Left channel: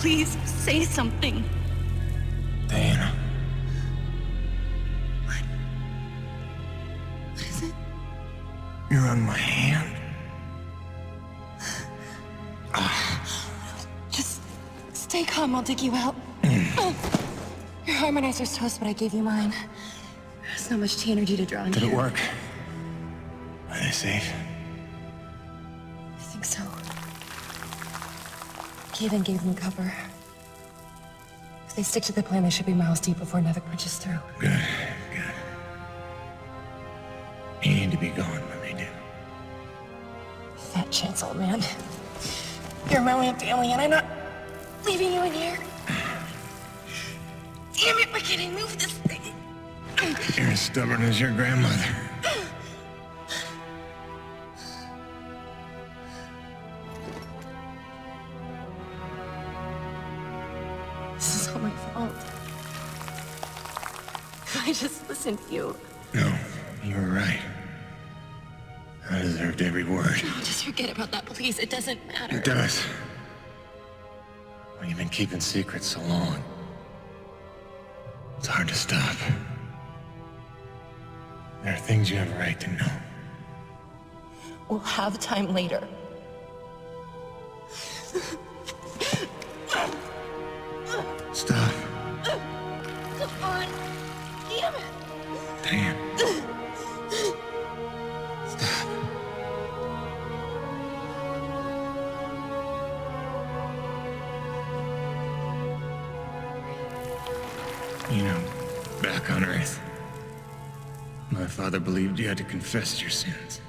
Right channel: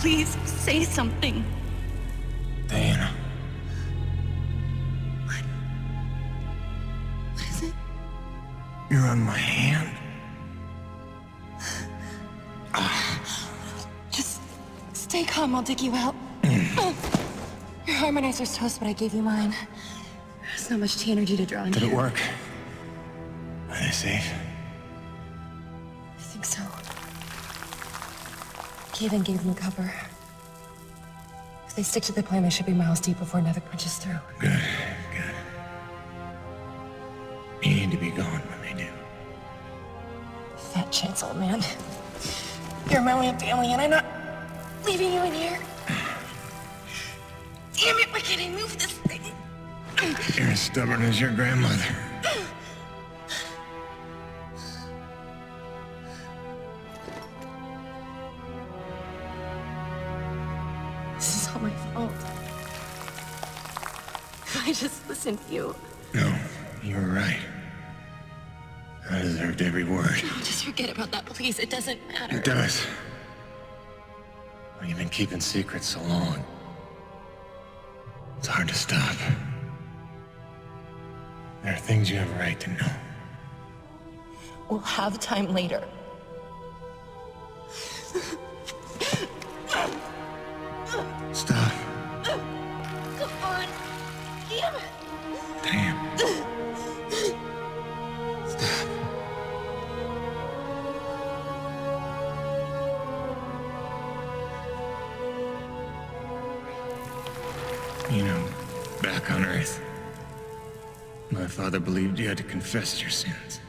Please, say something. Diana. What is it? You're on my hand. Just stay calm, I'll dig you out. Your harmonizer's toast, but I gave you mine. There's not much T energy to draw on. Did it work? Are they safe? I think so. Kevin gave them cover. If they stick to the plan, they should be miles deep before Nevik punches through. Good, good. You need to be gone when they do. Fat chance, old man. You're my only family, and I'm not leaving you in here. Damn it, why can't I move this thing? You're as stubborn as your grandmother. This is all my fault. I just listened to you. No, you were right. I deserved every word. No, just forget about that, please. It doesn't matter. It does. Well, you've been keeping secrets so long. It's hard to stop. There are things you have a right to know. We'll have time later. Stop. Come on. Damn it. Damn. Stop. You know, back on Earth, my father believed you had to confess your sins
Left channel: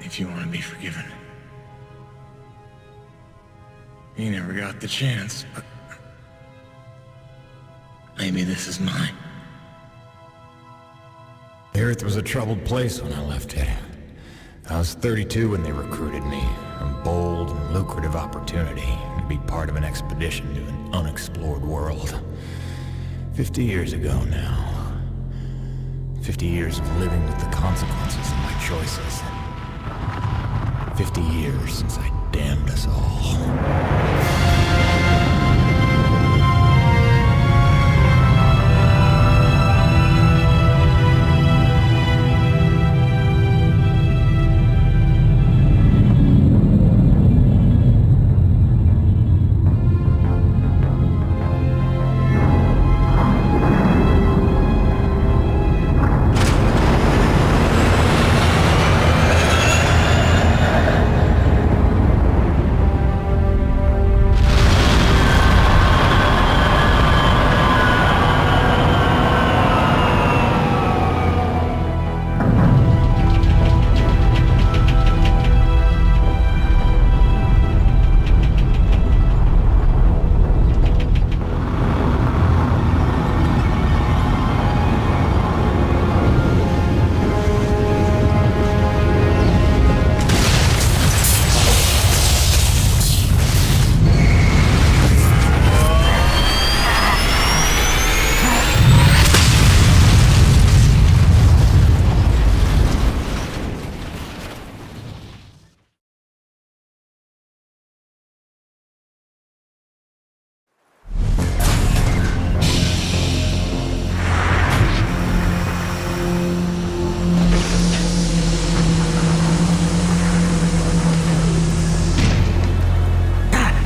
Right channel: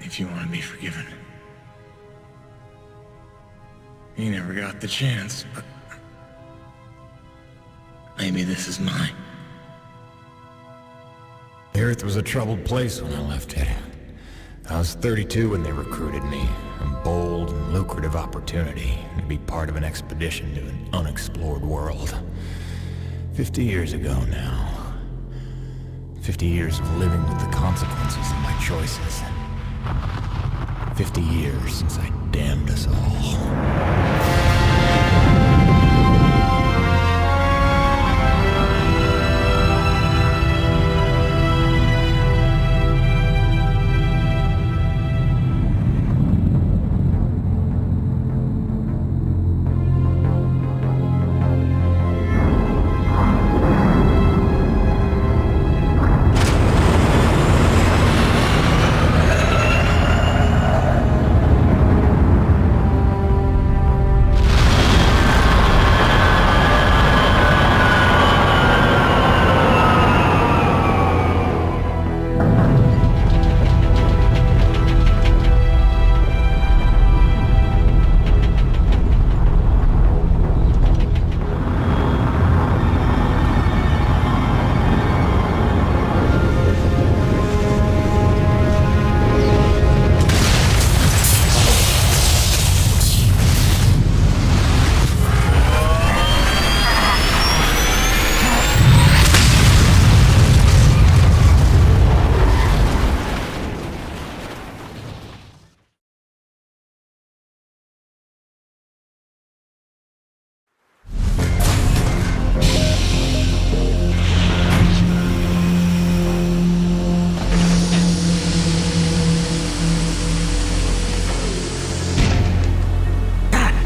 if you want to be forgiven. He never got the chance, but maybe this is mine. The Earth was a troubled place when I left it. I was 32 when they recruited me. A bold and lucrative opportunity to be part of an expedition to an unexplored world. 50 years ago now. 50 years of living with the consequences of my choices. 50 years since I damned us all.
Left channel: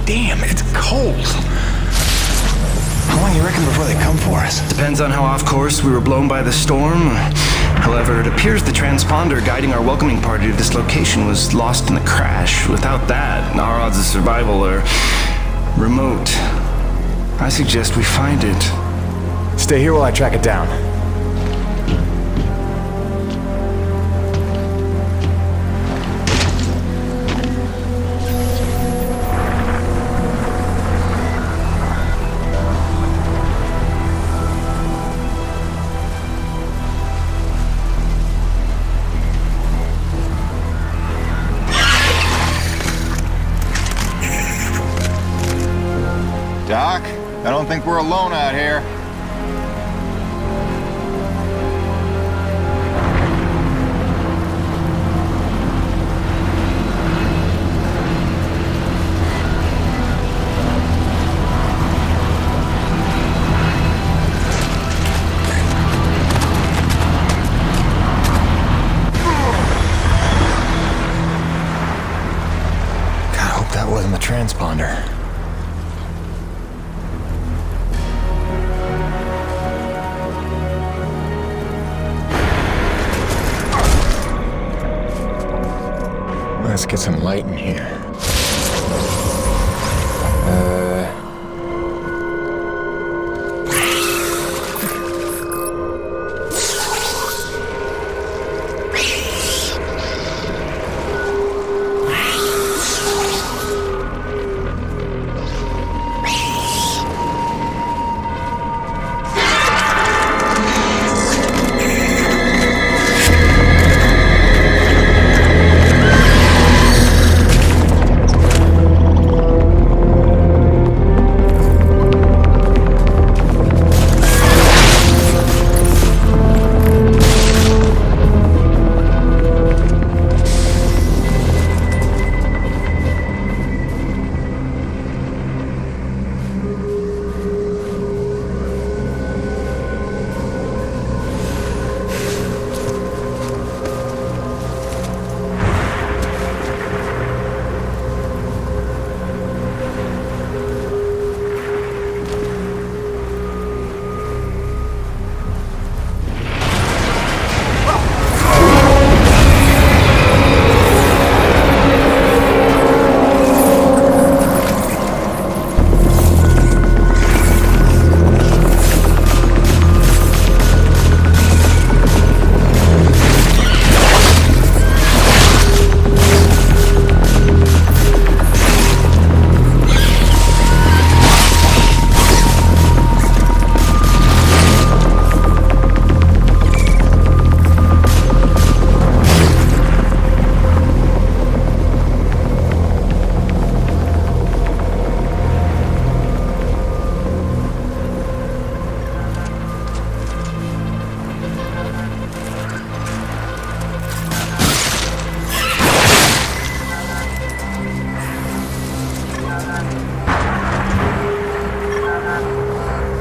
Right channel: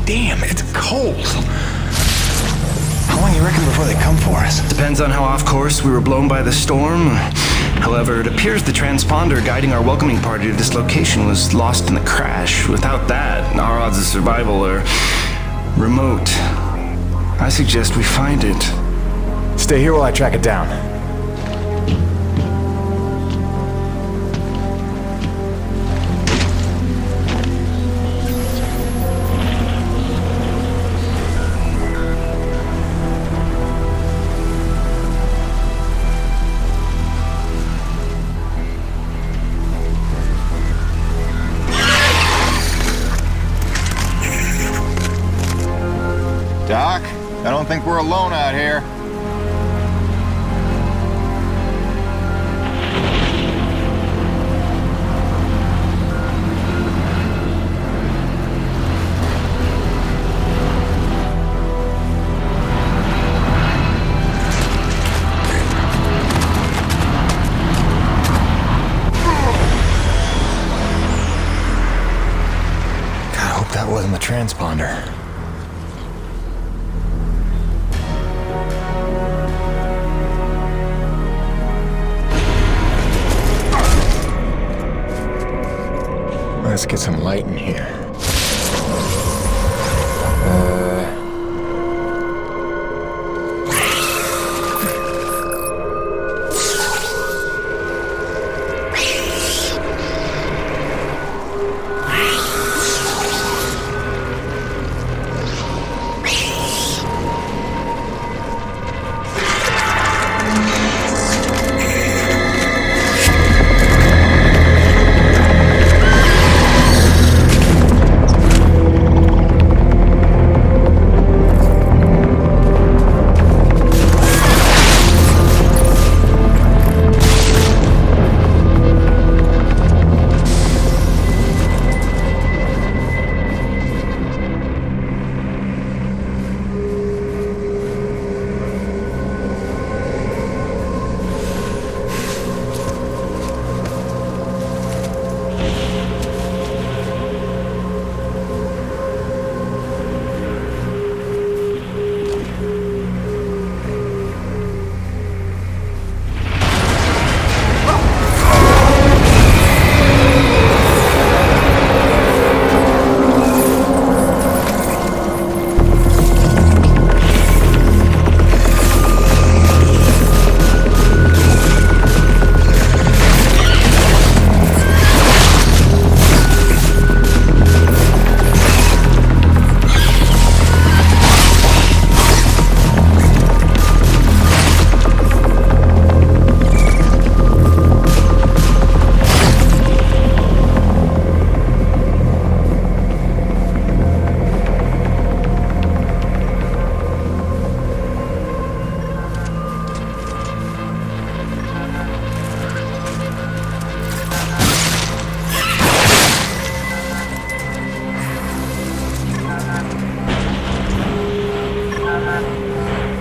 Damn, it's cold. How long long you reckon before they come for us? Depends on how off course we were blown by the storm. However, it appears the transponder guiding our welcoming party to this location was lost in the crash. Without that, our odds of survival are remote. I suggest we find it. Stay here while I track it down. Doc, I don't think we're alone out here. God, I hope that wasn't the transponder. Let's get some light in here.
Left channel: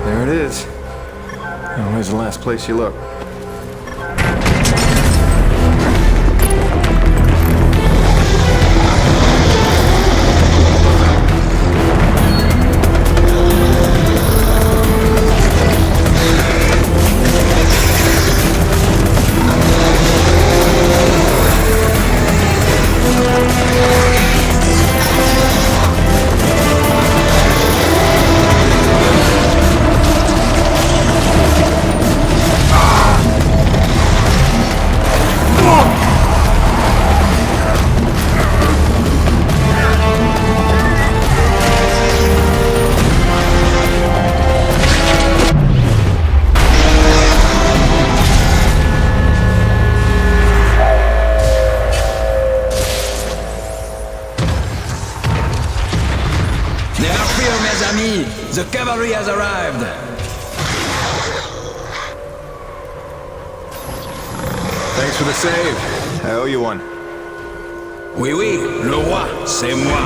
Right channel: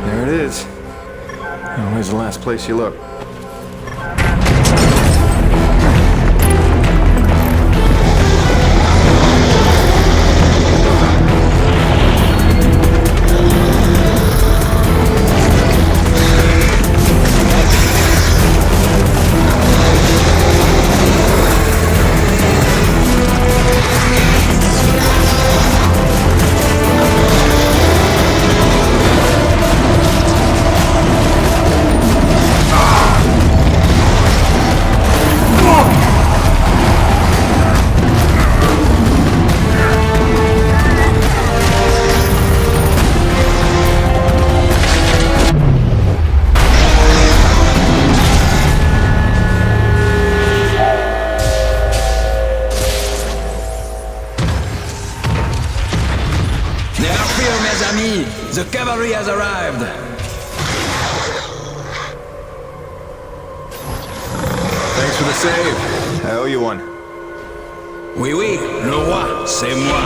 There it is. Oh, where's the last place you look? The cavalry has arrived! Thanks for the save. I owe you one. Oui, oui, le roi, c'est moi.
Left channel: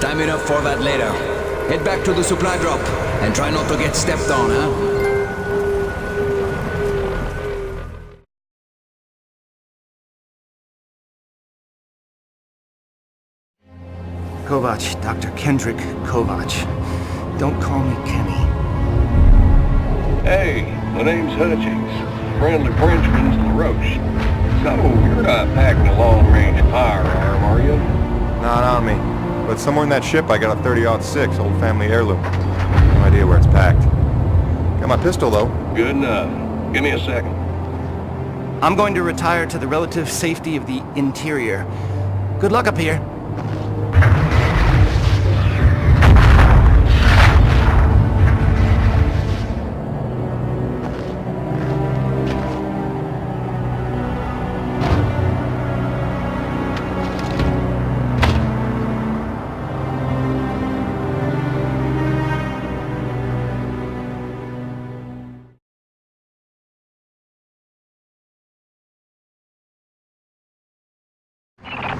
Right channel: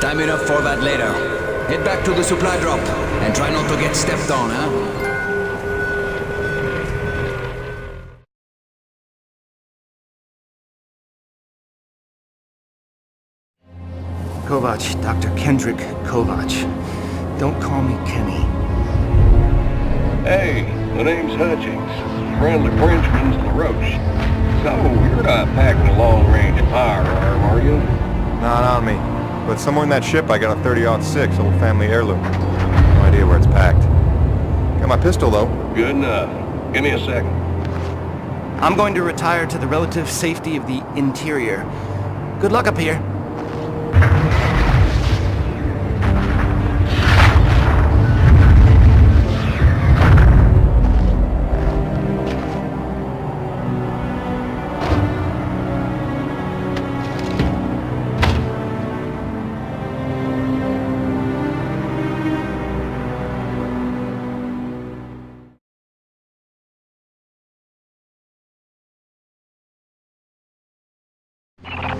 Time enough for that later. Head back to the supply drop, and try not to get stepped on, huh? Kovac, Dr. Kendrick Kovac. Don't call me Kenny. Hey, my name's Hutchings. Friendly Frenchman's LaRoche. So, you're not packing a long-range firearm, are you? Not on me. But somewhere in that ship I got a 30-06 old family heirloom. No idea where it's packed. Got my pistol, though. Good enough. Give me a second. I'm going to retire to the relative safety of the interior. Good luck up here.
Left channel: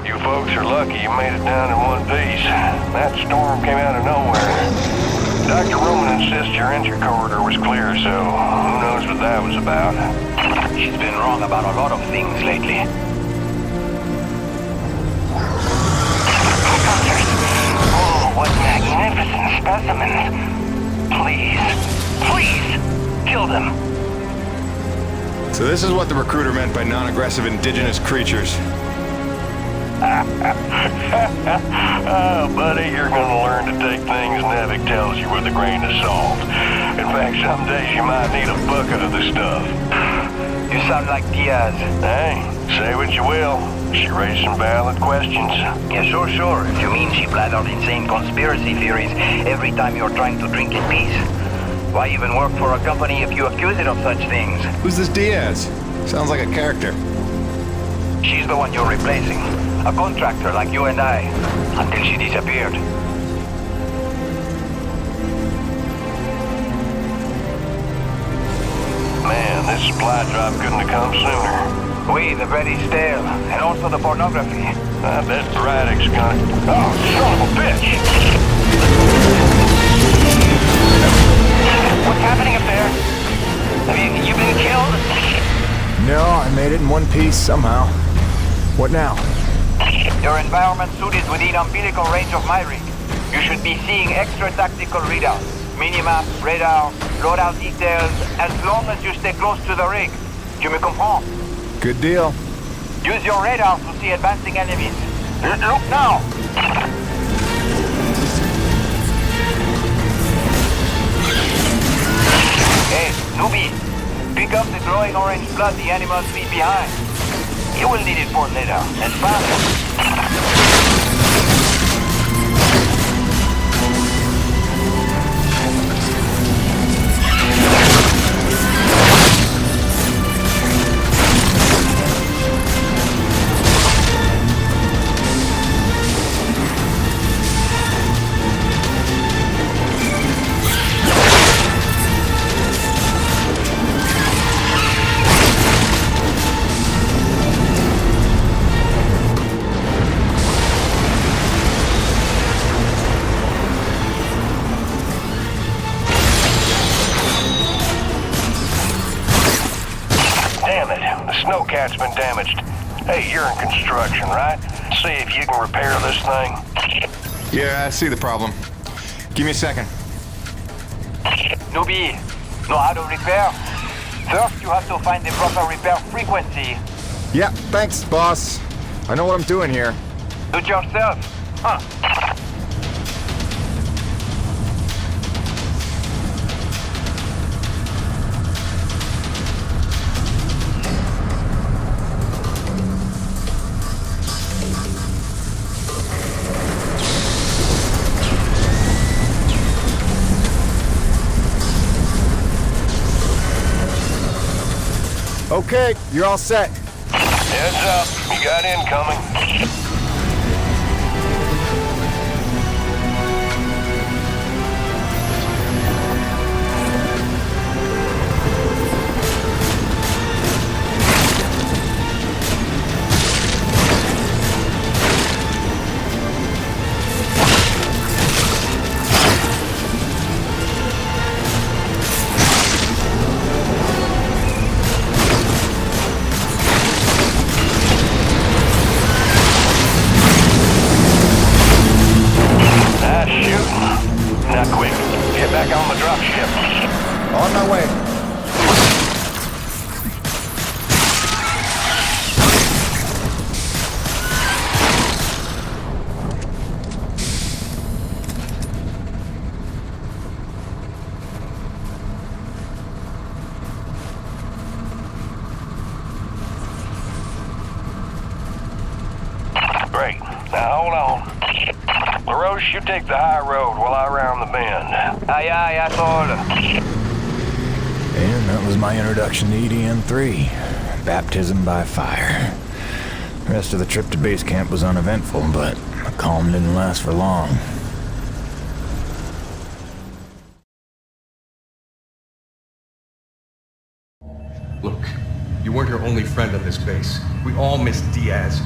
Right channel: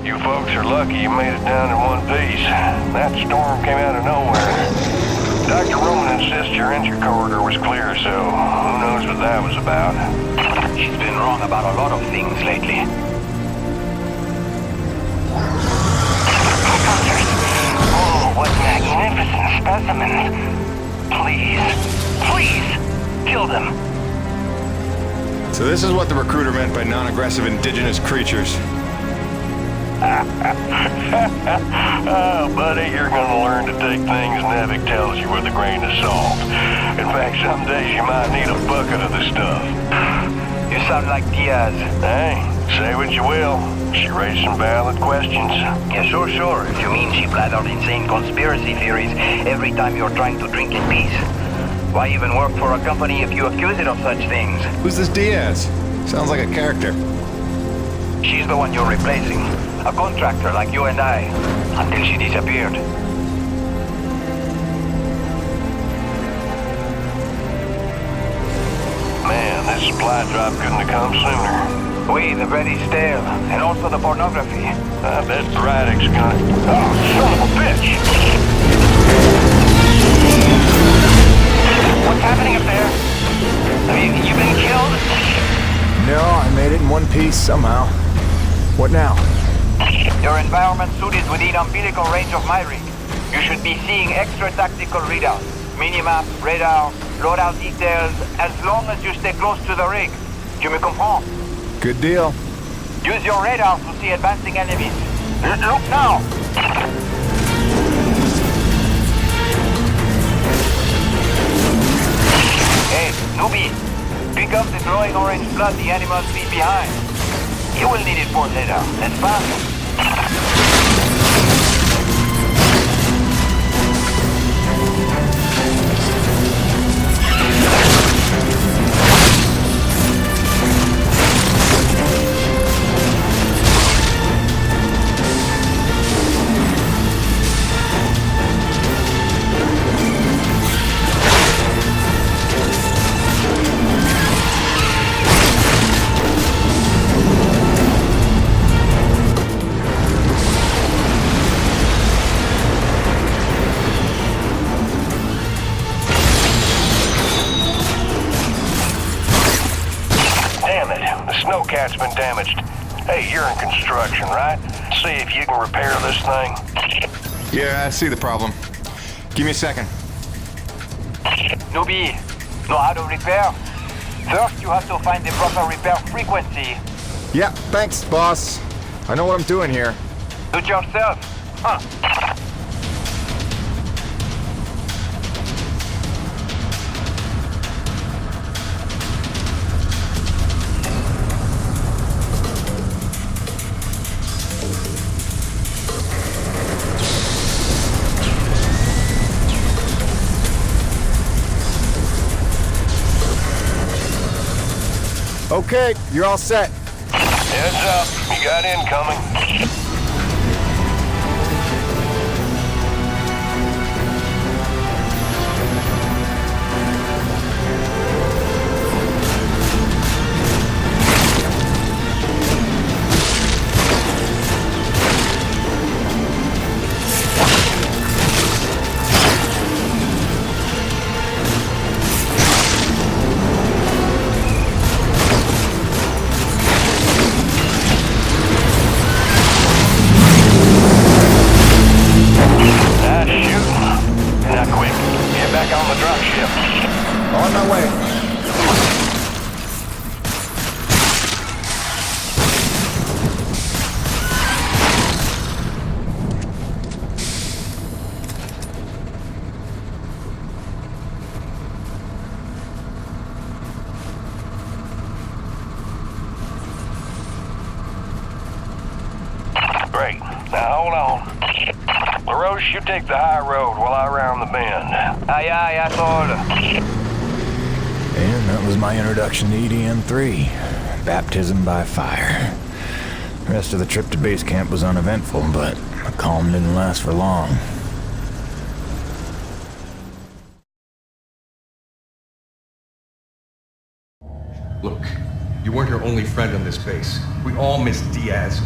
You folks are lucky you made it down in one piece. That storm came out of nowhere. Dr. Roman insists your entry corridor was clear, so who knows what that was about. She's been wrong about a lot of things lately. Oh, what magnificent specimens. Please, please, kill them. So this is what the recruiter meant by non-aggressive indigenous creatures. Oh, buddy, you're gonna learn to take things Nevik tells you with a grain of salt. In fact, some days you might need a bucket of the stuff. You sound like Diaz. Hey, say what you will. She raised some valid questions. Yeah, sure. If you mean she blathered insane conspiracy theories every time you're trying to drink in peace. Why even work for a company if you accuse it of such things? Who's this Diaz? Sounds like a character. She's the one you're replacing. A contractor like you and I. Until she disappeared. Man, this supply drop couldn't have come sooner. Oui, the bread is stale. And also the pornography. I bet Braddock's gonna... Oh, son of a bitch! What's happening up there? Have you been killed? No, I made it in one piece somehow. What now? Your environment suit is within umbilical range of my rig. You should be seeing extra tactical readouts. Minimap, radar, loadout details, as long as you stay close to the rig. Tu me comprends? Good deal. Use your radar to see advancing enemies. Look now! Hey, newbie. Pick up the glowing orange blood the animals leave behind. You will need it for later. Let's fast. Snowcat's been damaged. Hey, you're in construction, right? See if you can repair this thing. Yeah, I see the problem. Give me a second. Newbie, know how to repair? First, you have to find the proper repair frequency. Yeah, thanks, boss. I know what I'm doing here. Do it yourself. Huh. Okay, you're all set. Heads up, you got incoming. Great. Now hold on. LaRoche, you take the high road while I round the bend. Aye, aye, asshole. And that was my introduction to EDM-3. Baptism by fire. The rest of the trip to base camp was uneventful, but the calm didn't last for long. Look, you weren't her only friend on this base. We all miss Diaz.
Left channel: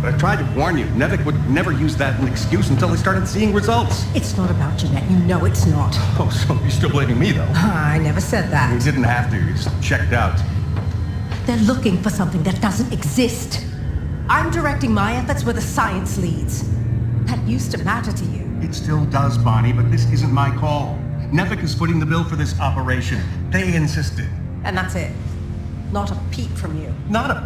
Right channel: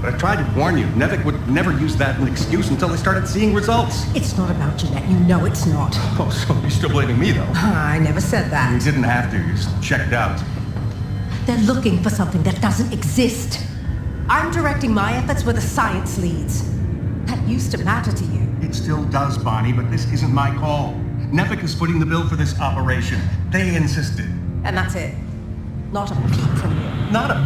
But I tried to warn you. Nevik would never use that as an excuse until they started seeing results. It's not about Jeanette. You know it's not. Oh, so you're still blaming me, though? I never said that. You didn't have to. You just checked out. They're looking for something that doesn't exist. I'm directing my efforts where the science leads. That used to matter to you. It still does, Bonnie, but this isn't my call. Nevik is footing the bill for this operation. They insisted. And that's it. Not a peep from you. Not a...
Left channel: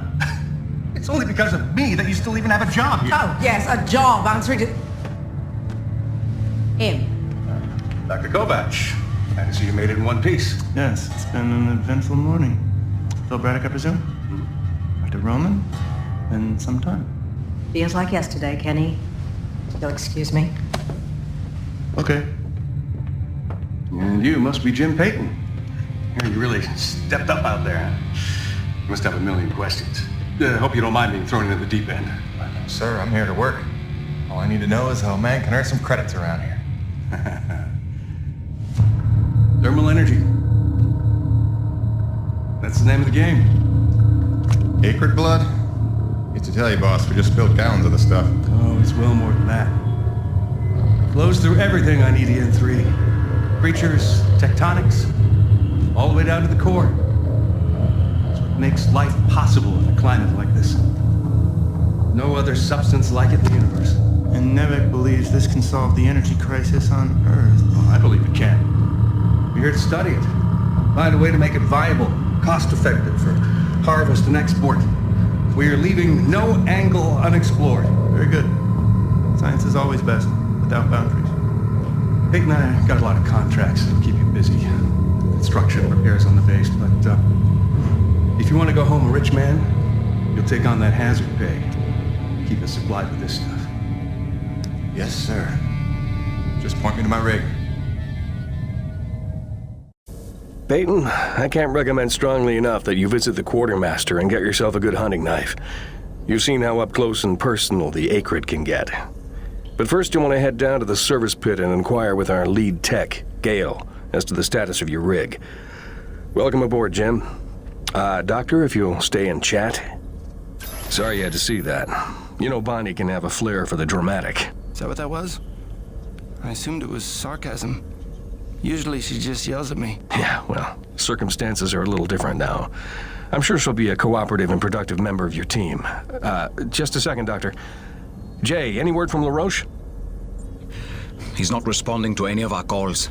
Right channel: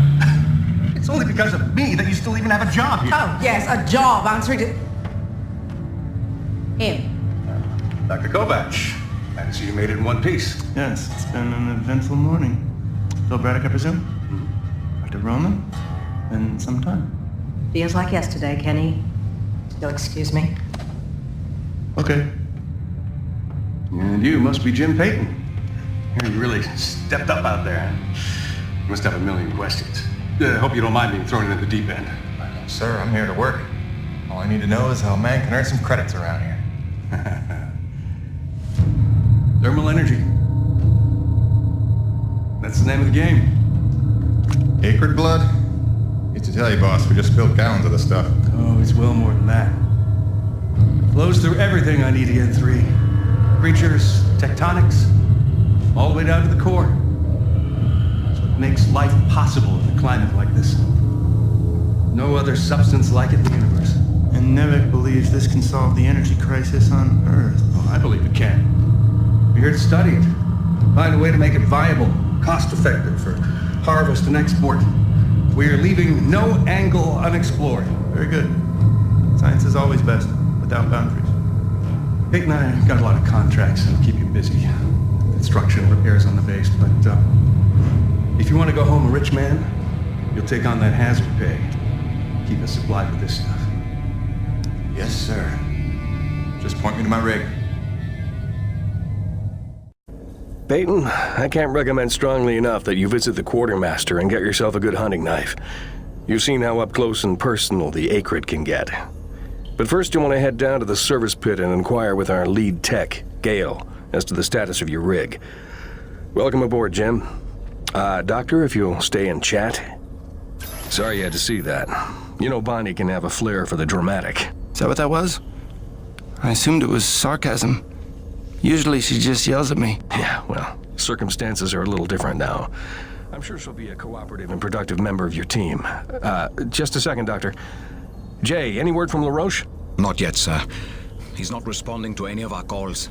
It's only because of me that you still even have a job here. Oh, yes, a job answering to... him. Dr. Kovac, glad to see you made it in one piece. Yes, it's been an eventful morning. Phil Braddock, I presume? Mm-hmm. Dr. Roman? Been some time. Feels like yesterday, Kenny. You'll excuse me. Okay. And you must be Jim Payton. Here, you really stepped up out there, huh? You must have a million questions. Hope you don't mind being thrown into the deep end. Sir, I'm here to work. All I need to know is how a man can earn some credits around here. Thermal energy. That's the name of the game. Acrid blood? Used to tell you, boss, we just spilled gallons of the stuff. Oh, it's well more than that. Flows through everything on EDN-3. Creatures, tectonics, all the way down to the core. It's what makes life possible in a climate like this. No other substance like it in the universe. And Nevik believes this can solve the energy crisis on Earth. Oh, I believe it can. We're here to study it. Find a way to make it viable, cost-effective for harvest and export. We are leaving no angle unexplored. Very good. Science is always best, without boundaries. Peyton and I got a lot of contracts that'll keep you busy. Construction, repairs on the base, but if you want to go home a rich man, you'll take on that hazard pay. Keep us supplied with this stuff. Yes, sir. Just point me to my rig. Peyton, I can't recommend strongly enough that you visit the quartermaster and get yourself a good hunting knife. You've seen how up close and personal the acrid can get. But first you want to head down to the service pit and inquire with our lead tech, Gale, as to the status of your rig. Welcome aboard, Jim. Doctor, if you'll stay and chat. Sorry you had to see that. You know Bonnie can have a flair for the dramatic. Is that what that was? I assumed it was sarcasm. Usually she just yells at me. Yeah, well, circumstances are a little different now. I'm sure she'll be a cooperative and productive member of your team. Just a second, Doctor. Jay, any word from LaRoche? Not yet, sir. He's not responding to any of our calls.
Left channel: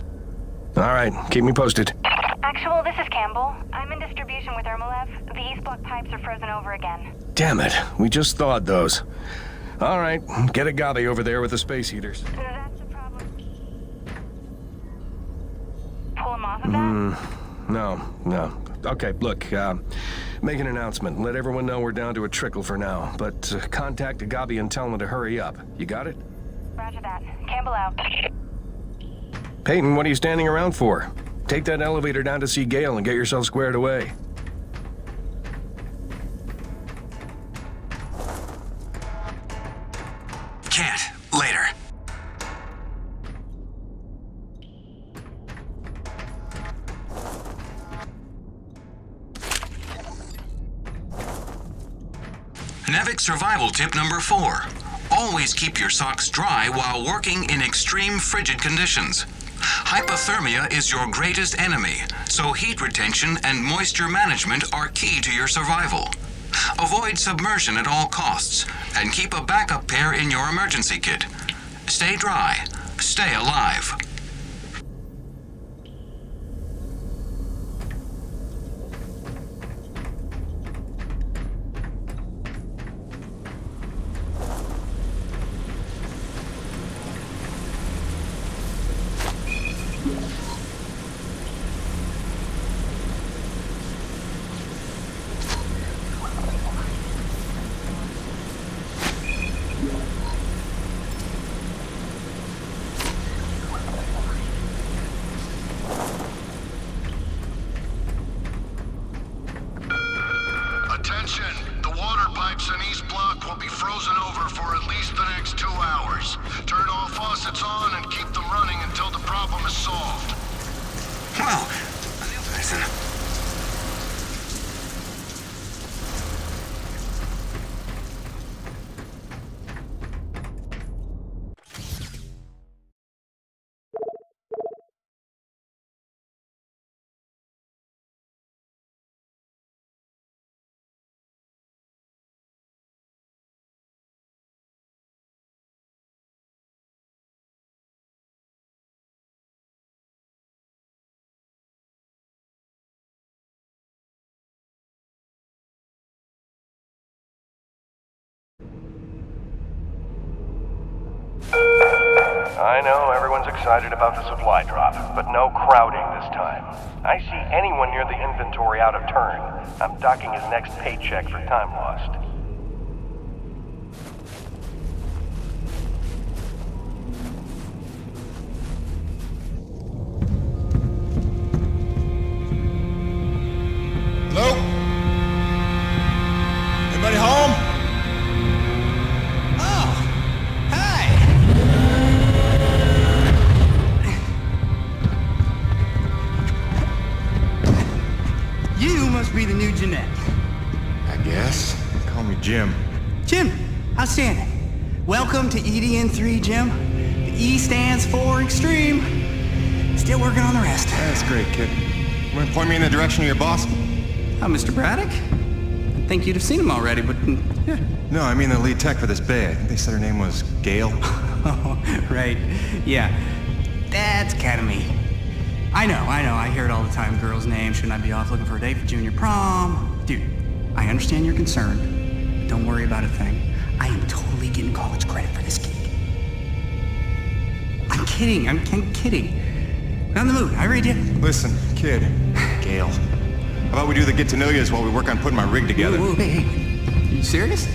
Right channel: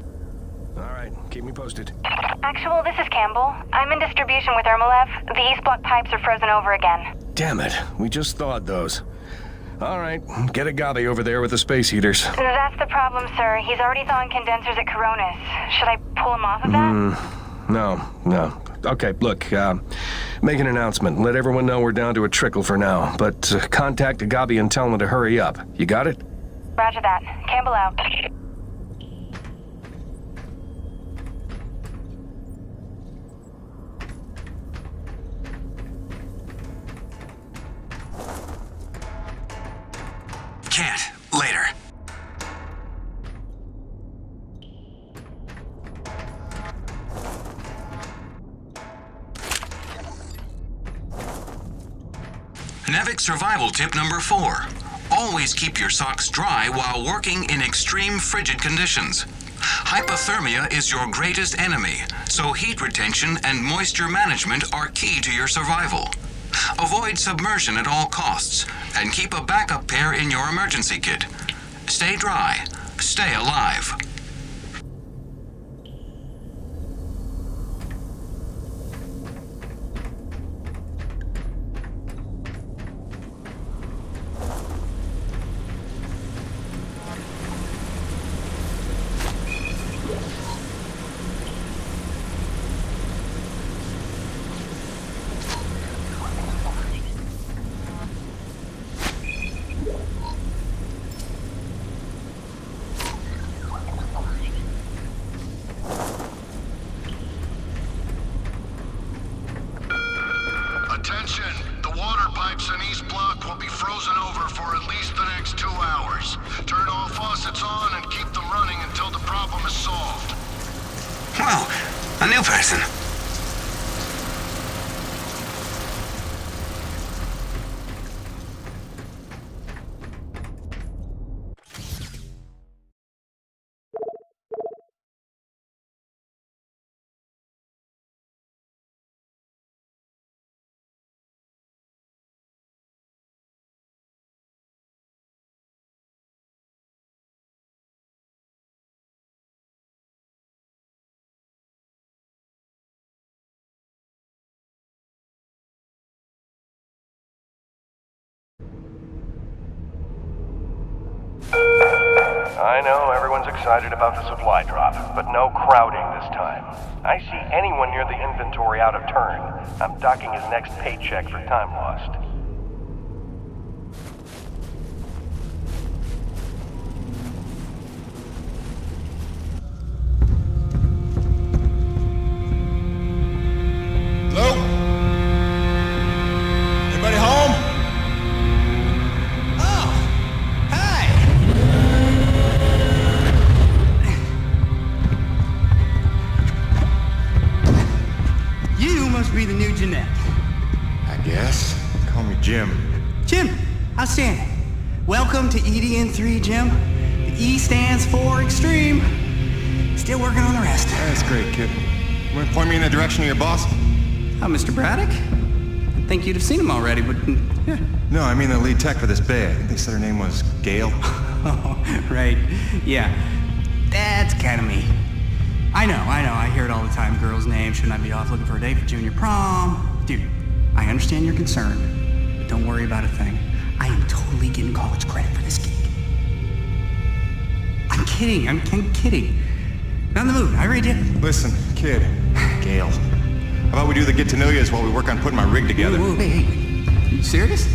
All right, keep me posted. Actual, this is Campbell. I'm in distribution with Ermolev. The East Block pipes are frozen over again. Damn it, we just thawed those. All right, get a Gabi over there with the space heaters. That's the problem, sir. He's already thawing condensers at Coronis. Should I pull him off of that? No. Okay, look, make an announcement. Let everyone know we're down to a trickle for now. But contact Gabi and tell them to hurry up. You got it? Roger that. Campbell out. Peyton, what are you standing around for? Take that elevator down to see Gale and get yourself squared away. Can't. Later. Nevik survival tip number 4. Always keep your socks dry while working in extreme frigid conditions. Hypothermia is your greatest enemy, so heat retention and moisture management are key to your survival. Avoid submersion at all costs, and keep a backup pair in your emergency kit. Stay dry. Stay alive. Attention! The water pipes in East Block will be frozen over for at least the next 2 hours. Turn all faucets on and keep them running until the problem is solved. Wow, a new person. I know everyone's excited about the supply drop, but no crowding this time. I see anyone near the inventory out of turn. I'm docking his next paycheck for time lost. Hello? Anybody home? Oh, hi. You must be the new Jeanette. I guess. Call me Jim. Jim, outstanding. Welcome to EDN3, Jim. The E stands for extreme. Still working on the rest. That's great, kid. You want to point me in the direction of your boss? Mr. Braddock? I think you'd have seen him already, but yeah. No, I mean the lead tech for this bay. I think they said her name was Gail. Oh, right. Yeah. That's kind of me. I know. I hear it all the time. Girl's name. Shouldn't I be off looking for a date for junior prom? Dude, I understand you're concerned. But don't worry about a thing. I am totally getting college credit for this gig. I'm kidding. I'm kidding. Not in the mood. I read you. Listen, kid. Gail. How about we do the get-to-know-yous while we work on putting my rig together? Whoa, hey. Are you serious?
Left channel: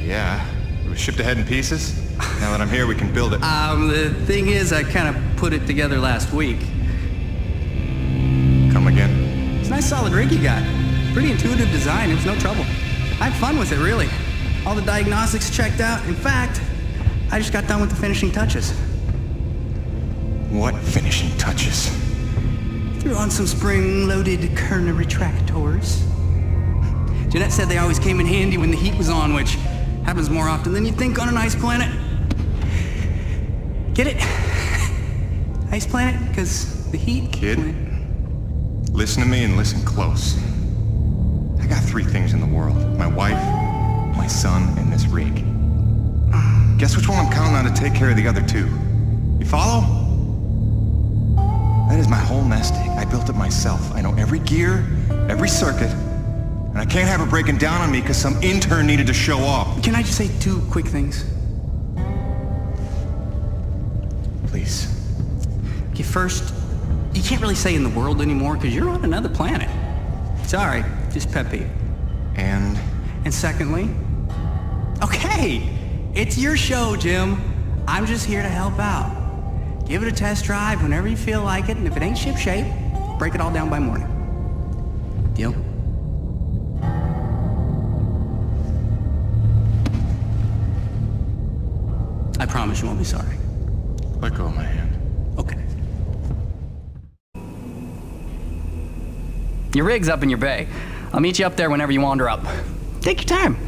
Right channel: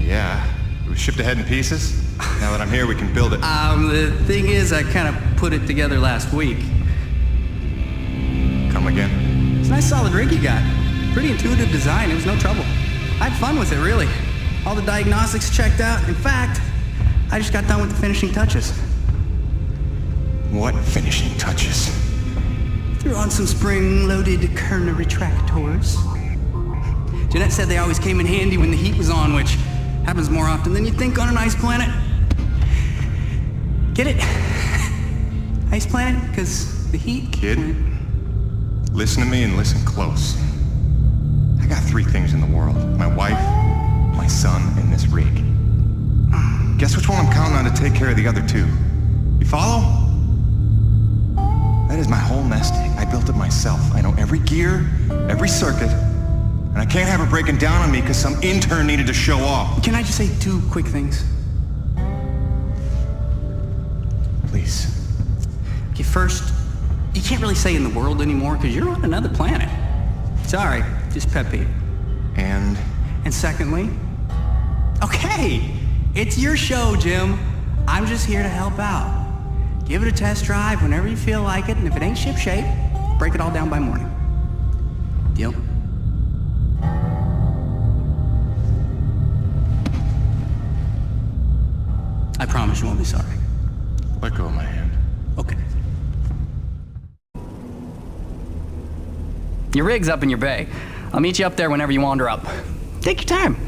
Yeah. It was shipped ahead in pieces. Now that I'm here, we can build it. The thing is, I kind of put it together last week. Come again? It's a nice solid rig you got. Pretty intuitive design. It was no trouble. I had fun with it, really. All the diagnostics checked out. In fact, I just got done with the finishing touches. What finishing touches? Threw on some spring-loaded Kerner retractors. Jeanette said they always came in handy when the heat was on, which happens more often than you think on an ice planet. Get it? Ice planet? Because the heat... Kid, listen to me and listen close. I got 3 things in the world. My wife, my son, and this rig. Guess which one I'm counting on to take care of the other 2? You follow? That is my whole nest egg. I built it myself. I know every gear, every circuit, and I can't have her breaking down on me because some intern needed to show off. Can I just say 2 quick things? Please. Okay, first, you can't really say in the world anymore because you're on another planet. Sorry, just pet peeve. And secondly, okay, it's your show, Jim. I'm just here to help out. Give it a test drive whenever you feel like it, and if it ain't ship-shape, break it all down by morning. Deal? I promise you won't be sorry. Let go of my hand. Okay. Your rig's up in your bay. I'll meet you up there whenever you wander up. Take your time.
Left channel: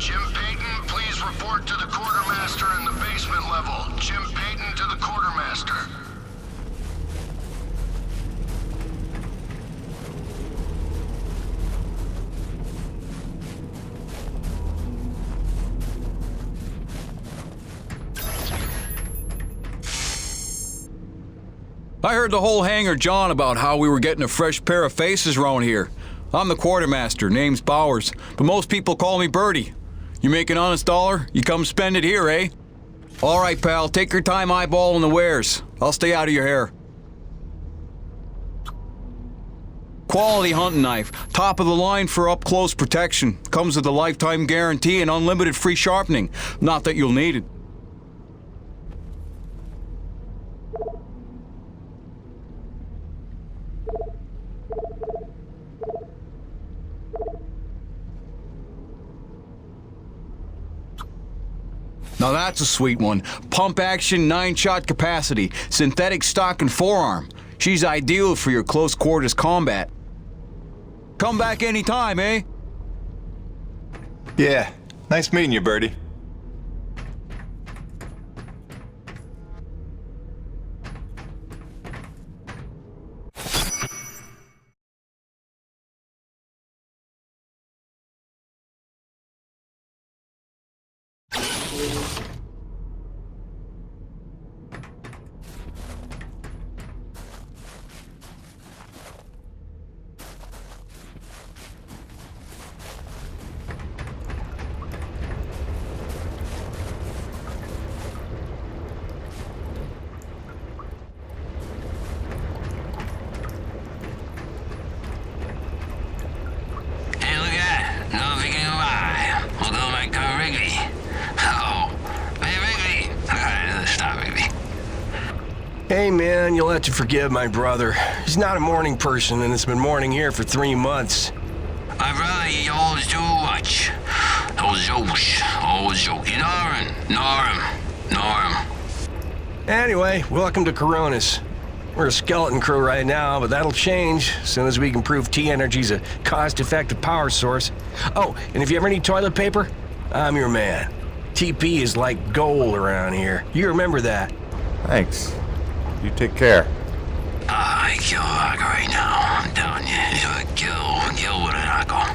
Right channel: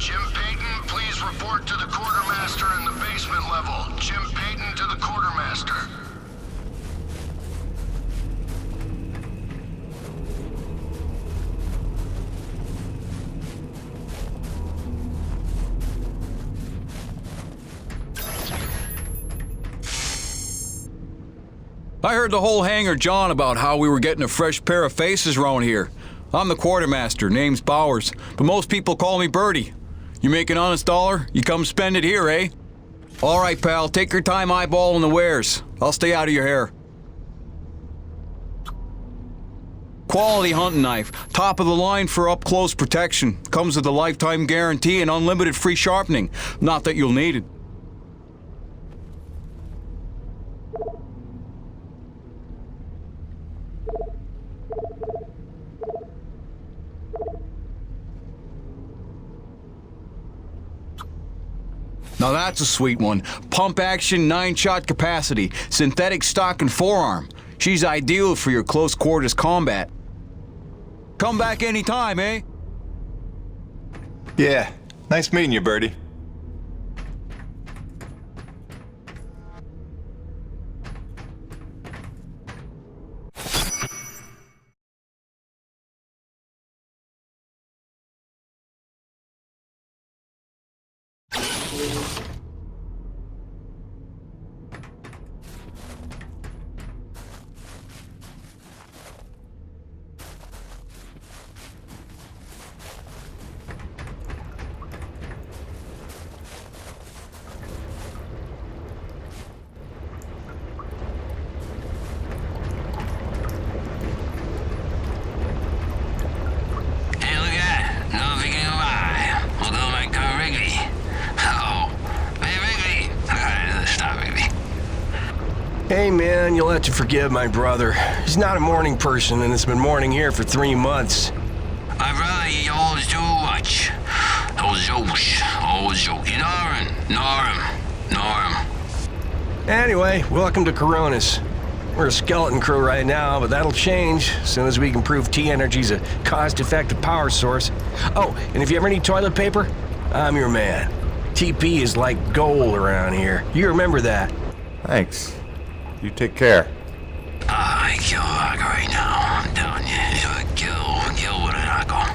Jim Payton, please report to the quartermaster in the basement level. Jim Payton to the quartermaster. I heard the whole hangar John about how we were getting a fresh pair of faces around here. I'm the quartermaster, name's Bowers, but most people call me Birdie. You make an honest dollar, you come spend it here, eh? All right, pal, take your time eyeballing the wares. I'll stay out of your hair. Quality hunting knife, top of the line for up-close protection. Comes with a lifetime guarantee and unlimited free sharpening. Not that you'll need it. Now that's a sweet one. Pump action, 9-shot capacity, synthetic stock and forearm. She's ideal for your close quarters combat. Come back anytime, eh? Yeah, nice meeting you, Birdie. Hey man, you'll have to forgive my brother. He's not a morning person and it's been morning here for 3 months. My brother, he always do much. Those jokes, always joke. Norm. Anyway, welcome to Coronis. We're a skeleton crew right now, but that'll change as soon as we can prove T-Energy's a cost-effective power source. Oh, and if you ever need toilet paper, I'm your man. TP is like gold around here. You remember that. Thanks. You take care. I kill Argo right now. I'm telling you, kill with an Argo.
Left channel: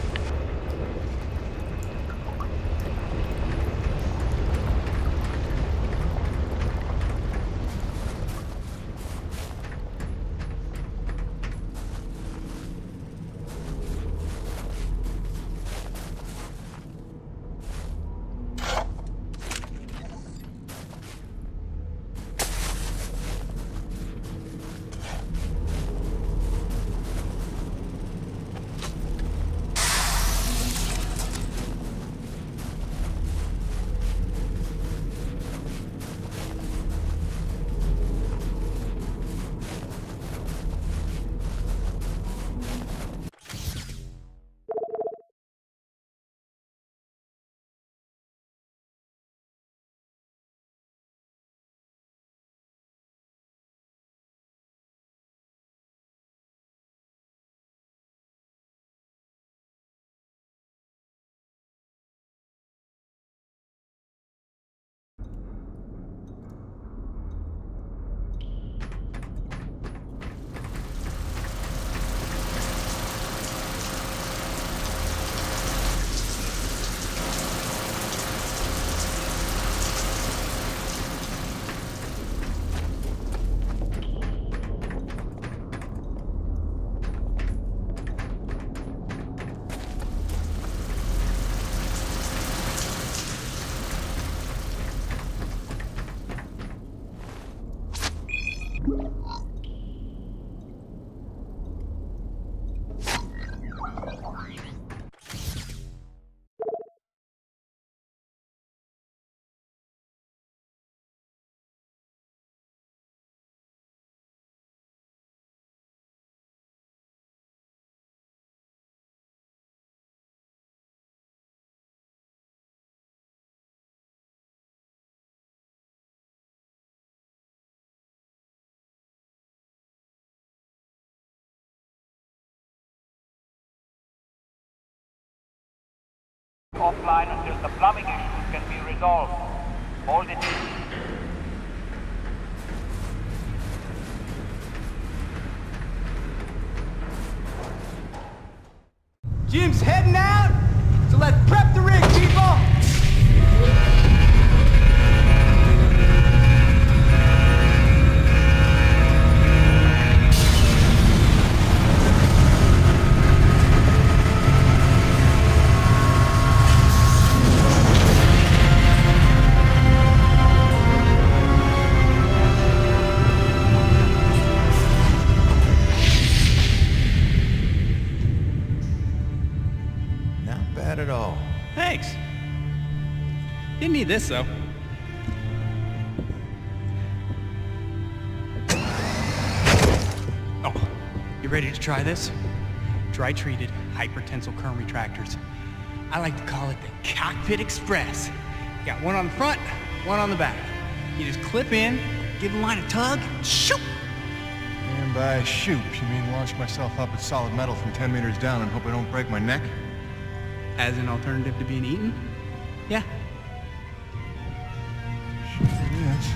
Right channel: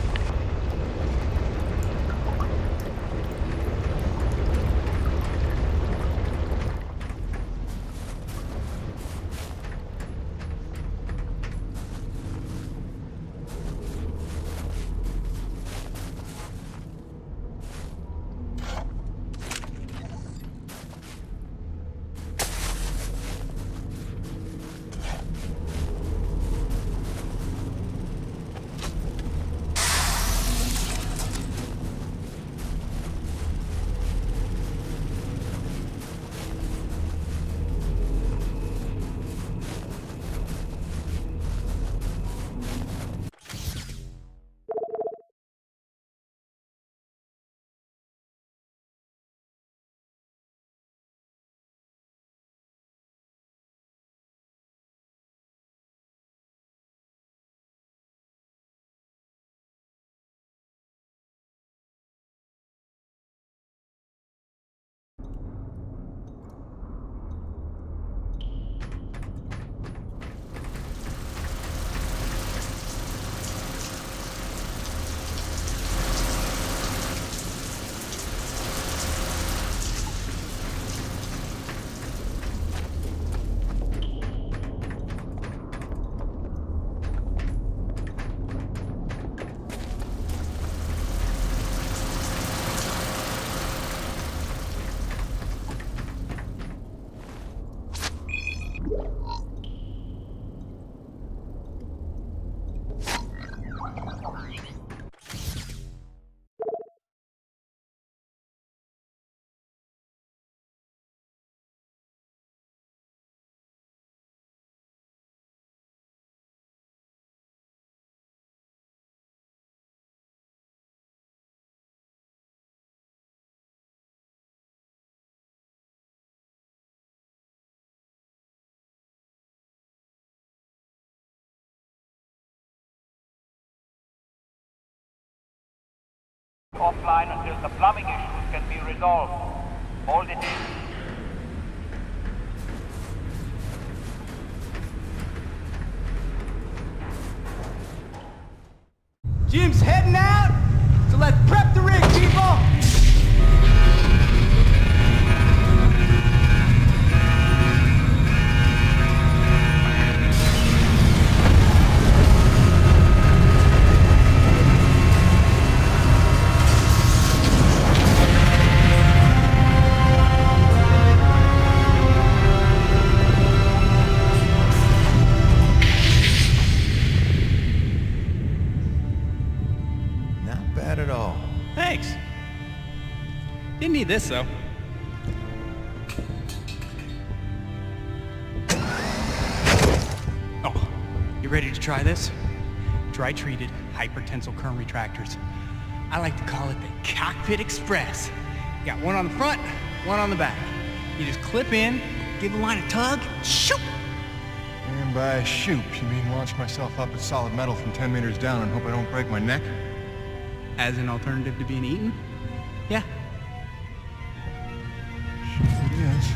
Offline until the plumbing issues can be resolved. Hold it in. Jim's heading out, so let's prep the rig, people! Bad at all. Thanks. Didn't need this, though. Oh, you ready to try this? Dry-treated hypertensile current retractors. I like to call it the Cockpit Express. Got one on the front, one on the back. You just clip in, give the line a tug, shoot! And by shoot, you mean launch myself up at solid metal from 10 meters down and hope I don't break my neck? As an alternative to being eaten? Yeah. Sure it is.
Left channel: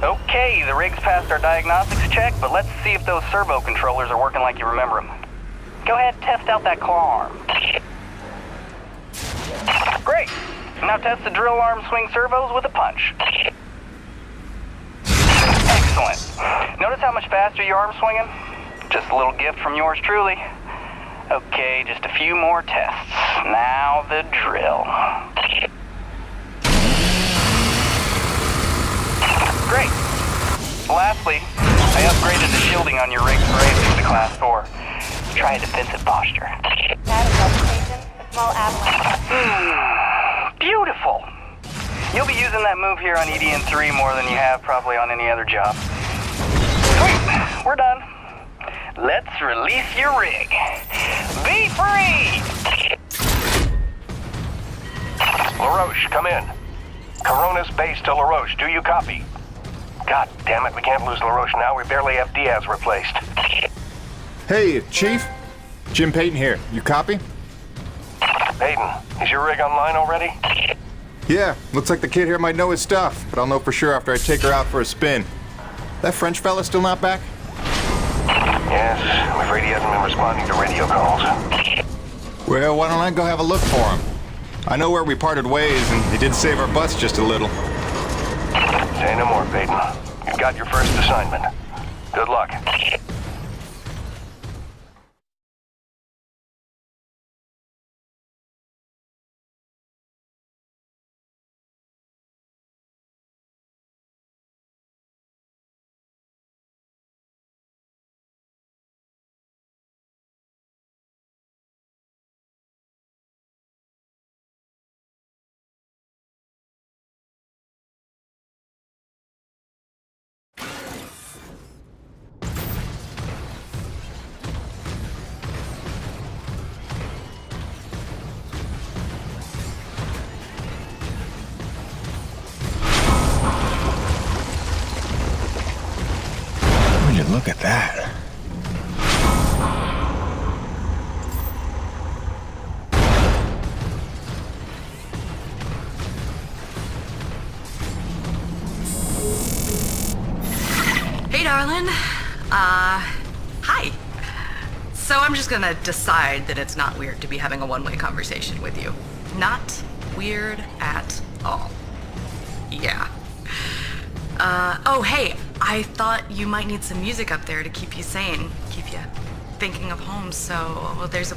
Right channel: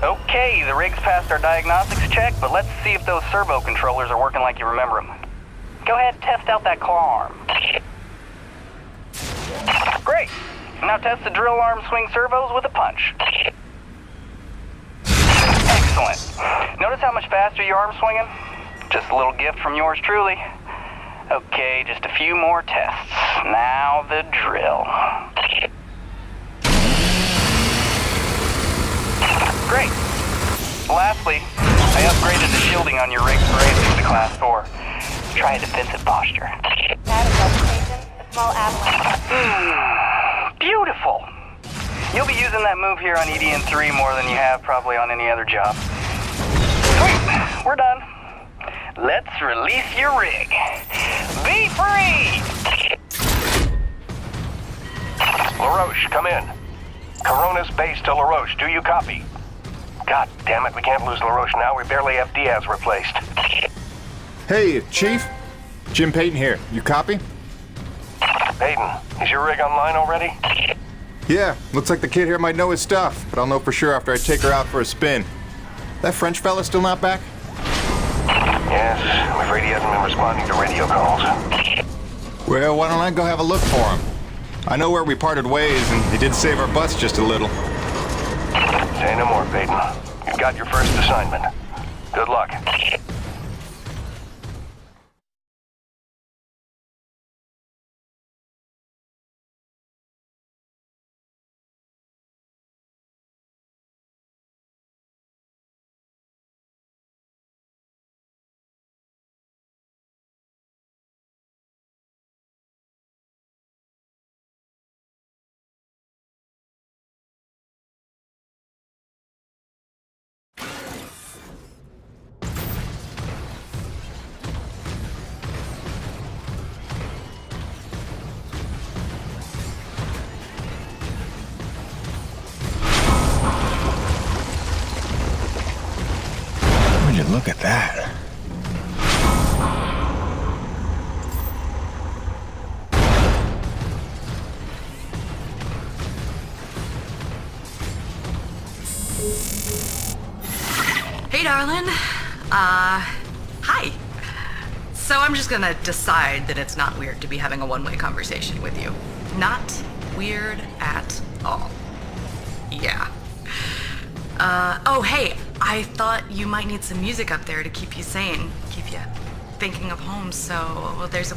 Okay, the rig's passed our diagnostics check, but let's see if those servo controllers are working like you remember them. Go ahead and test out that claw arm. Great. Now test the drill arm swing servos with a punch. Excellent. Notice how much faster your arm's swinging? Just a little gift from yours truly. Okay, just a few more tests. Now the drill. Great. Lastly, I upgraded the shielding on your rig's bracing to Class 4. Try a defensive posture. A small avalanche. Beautiful. You'll be using that move here on EDN3 more than you have probably on any other job. Sweet. We're done. Let's release your rig. Be free! LaRoche, come in. Corona's base to LaRoche. Do you copy? God damn it, we can't lose LaRoche now. We barely have Diaz replaced. Hey, Chief. Jim Payton here. You copy? Payton, is your rig online already? Yeah, looks like the kid here might know his stuff, but I'll know for sure after I take her out for a spin. That French fella still not back? Yes, I'm afraid he hasn't been responding to radio calls. Well, why don't I go have a look for him? I know where we parted ways, and he did save our butts just a little. Say no more, Peyton. You've got your first assignment. Good luck. Look at that. Hey, darling. Hi. So I'm just gonna decide that it's not weird to be having a one-way conversation with you. Not weird at all. Yeah. Oh, hey, I thought you might need some music up there to keep you sane, keep you thinking of home, so there's a